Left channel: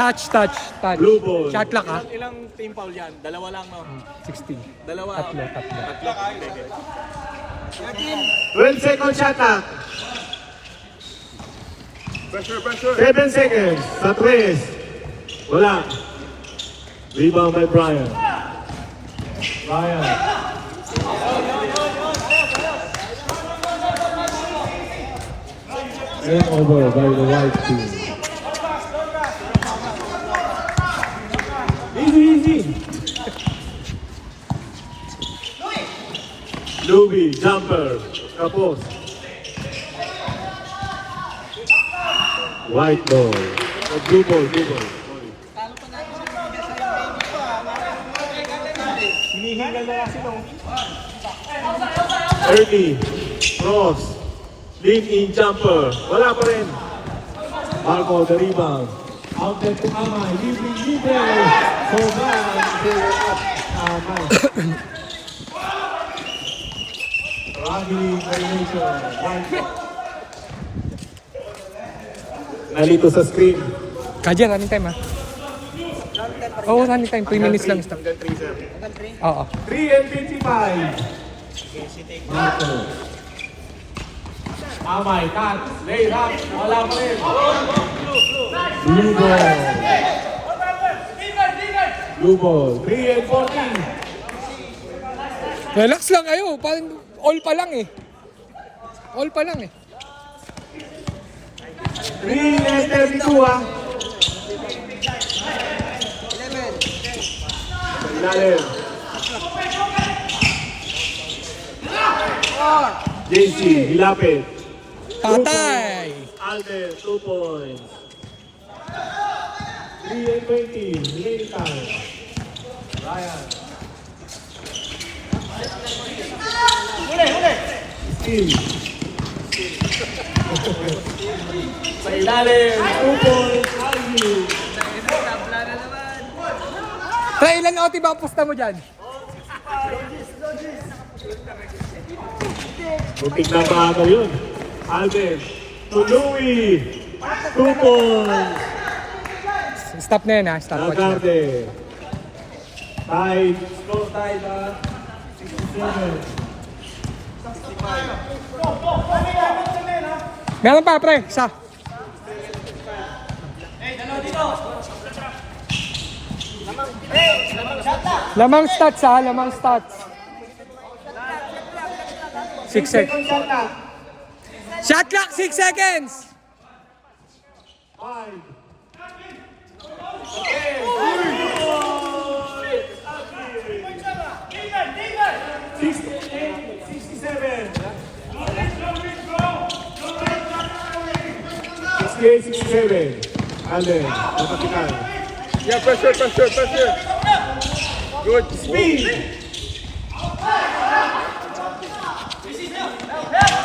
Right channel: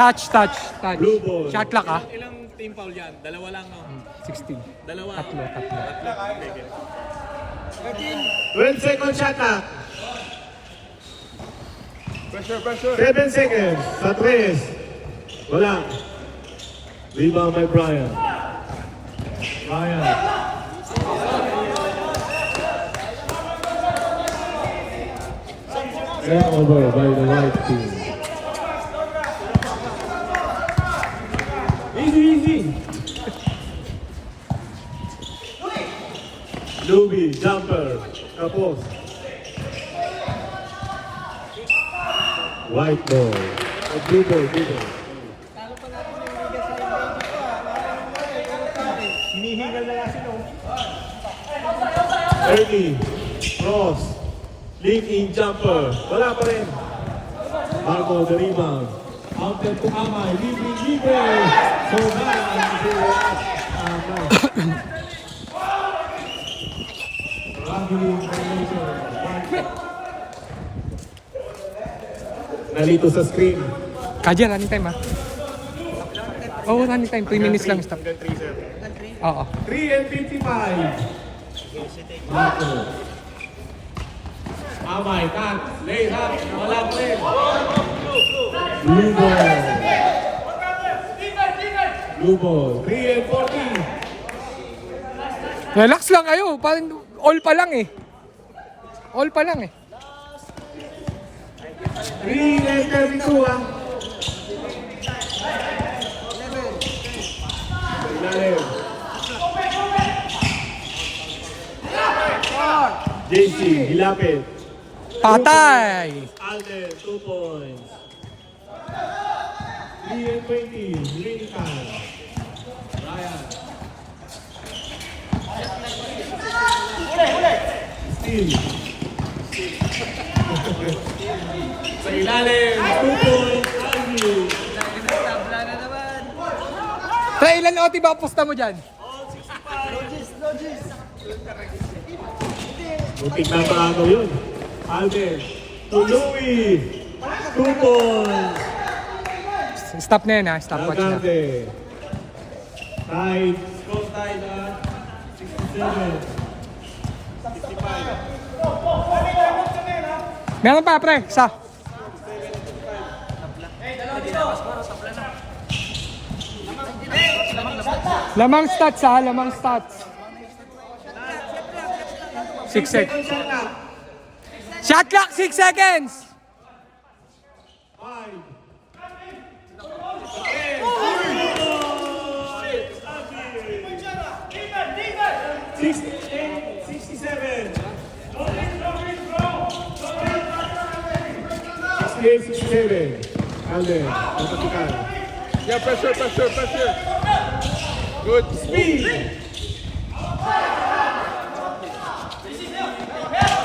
Touch. Blue ball. Shot clock ha. Ilang team foul yan? Dalawa lang, no? 16. Dalawa. Tatlo. 12 seconds shot clock. Pressure. 7 seconds. Sa 3. Wala. Rebound by Brian. Turnover by the white team. Easy. Luby, jumper. Tapos. White ball. Blue ball. Hinihingal na kasi, no? 30. Cross. Lead in jumper. Wala pa rin. Marco, the rebound. Out there to Amay. Libre. So Raghi violation. Nalito sa screen. Kaji, running time ha. Oo, running time. 3 minutes lang stop. Oo. 3 and 55. Marco. Amay, cut. Lay up. Wala pa rin. Blue ball. 3 and 40. Relax lang kayo. All pa lang eh. 3 and 32 ah. Ilalim. JC, hilapit. Patay! Alden, 2 points. 3 and 20. Remaining time. Ryan. Steve. Sa ilalim, 2 points. Alden. Try, ilan OT ba ang pusta mo dyan? Muntik na ba ano yun? Alden. To Louie. 2 points. Stop na yan ha. Stop watch na. Agarte. Tied. Score tied at 67. Meron pa pre. Isa. Lamang stats ha. 6 seconds. Shot clock, 6 seconds. 5. 67. 67. Alden. Yeah, pressure. Good. Speed.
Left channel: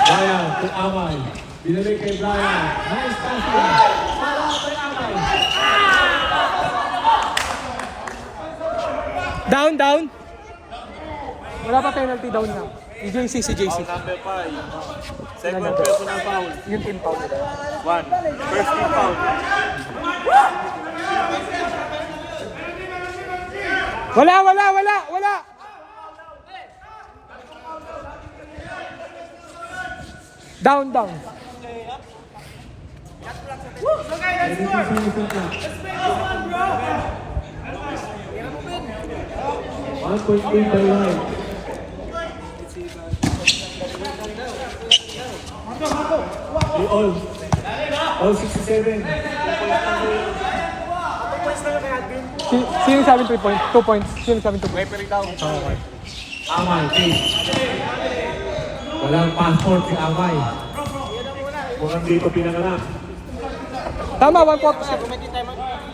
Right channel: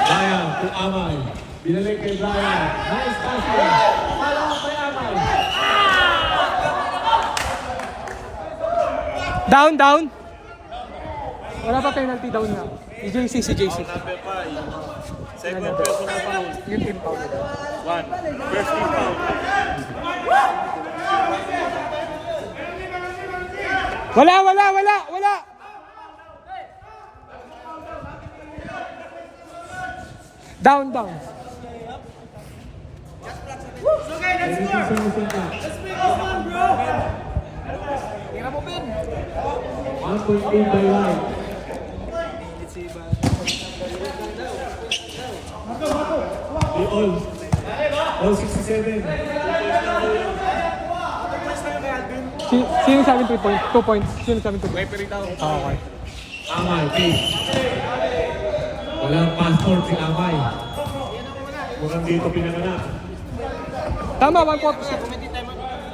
Brian to Amay. Binalik kay Brian. Nice passing. Follow up by Amay. Down. Wala pa penalty, down na. Si JC. Number 5. Second personal foul. Yung team foul. 1. First team foul. Wala. Down. One point lead by line. All 67. Sino sabi 3 points? 2 points. Sino sabi 2 points? Referee daw. Okay. Amay, pace. Walang passport si Amay. Mukhang dito pinanganak. Tama, 1-4.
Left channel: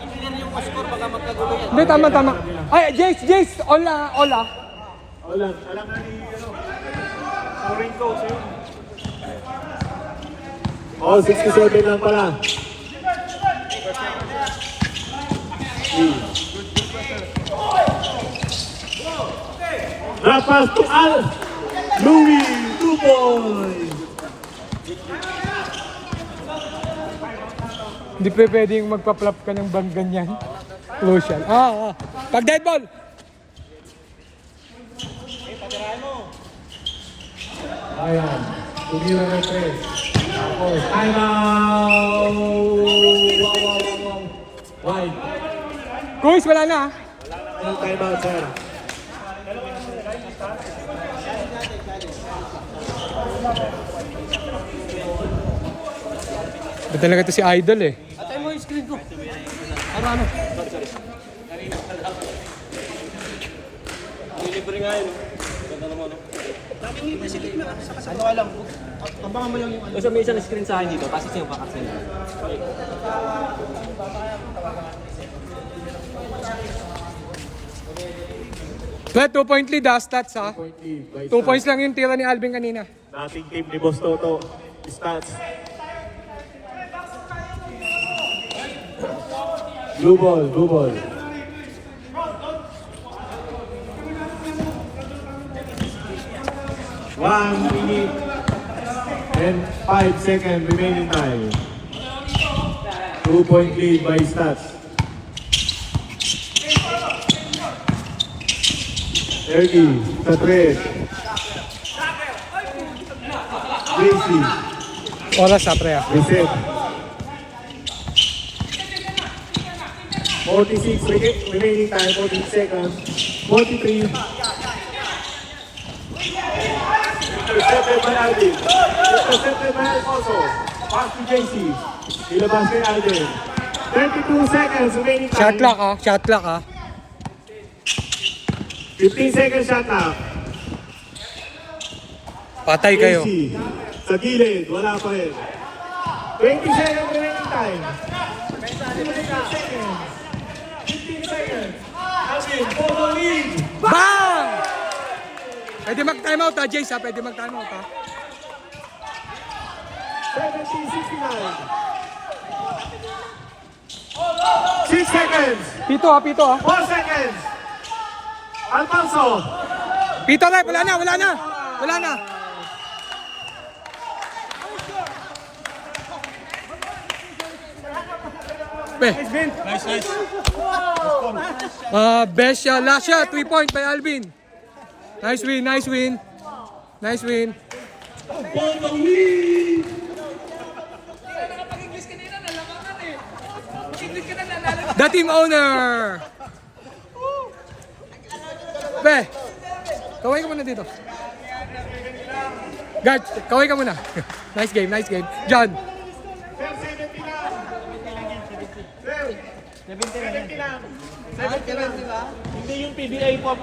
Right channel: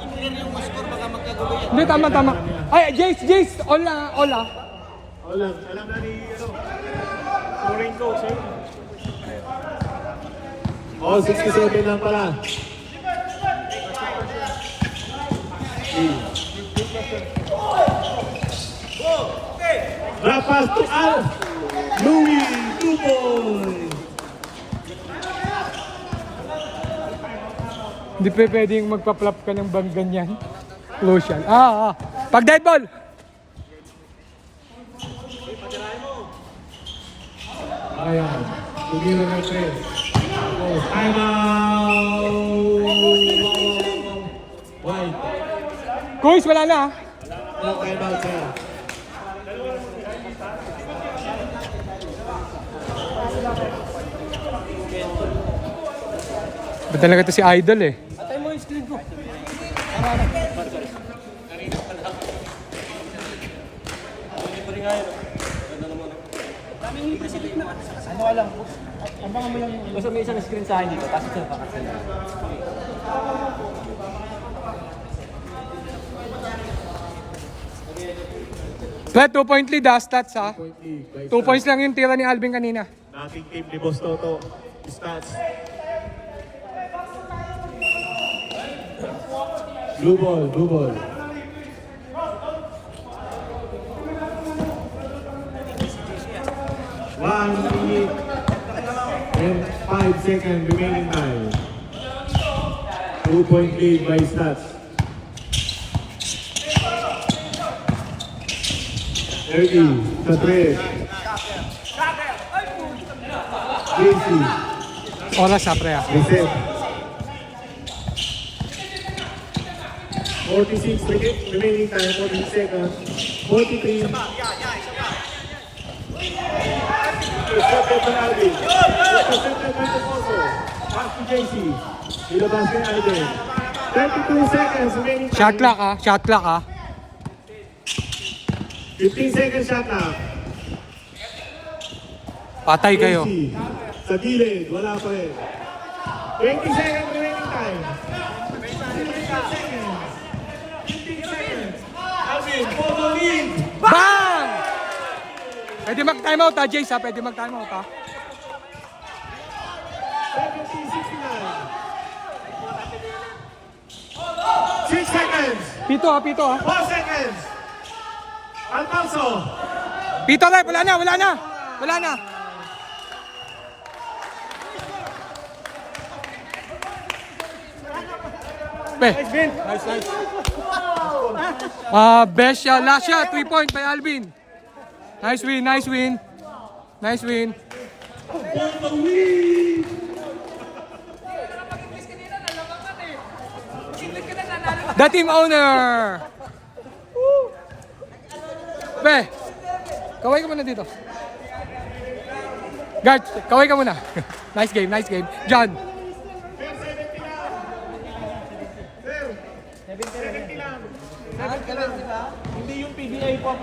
I-clear yung score baka magkagulo yan. Hindi, tama. Ay, Jace, all ah. Alam na ni, Scoring coach yun. All 67 lang pala. Drop pass to Al. Louie, 2 points. Hindi pa pwedeng magpa-flop ka ng bang ganyan. Lotion. Pag dead ball! Ayan. Tumira ng 3. Tapos, time out! Wide. Coach, wala na. No time out, sir. Ba talaga to si Idol eh. Basta may isang screen sa akin dito, kasi siya pa kasi. But 2-point lead stats ha. Point lead by 2 points lang yung tira ni Alvin kanina. Dating team ni Boss Toto. Stats. Blue ball, blue ball. One minute and 5 seconds remaining time. 2-point lead by Stats. 30 sa 3. JC. Oras ha, pre ha. Reset. 46 remaining time, 48 seconds. 43. Intercepted by Alvin. Intercepted by Alfonso. Pass to JC. Ilabas kay Alvin. 32 seconds remaining time. Shot clock ha. Shot clock ha. 15 seconds shot clock. Patay kayo. JC. Sa gilid, wala pa rin. 20 seconds remaining time. 15 seconds. 15 seconds. Alvin, for the lead. Bang! Pwede mag-timeout ha, Jace ha. Pwede mag-timeout ha. 17-69. 6 seconds. Pito ha, pito ha. 4 seconds. Alfonso. Pito rep, wala na, wala na. Wala na. Nice. Best shot, last shot, 3-point by Alvin. Nice win, nice win. Nice win. The team owner. Be, kaway ka muna dito. Guard, kaway ka muna. Nice game, nice game. John. 70 lang. Hindi yung PBA po.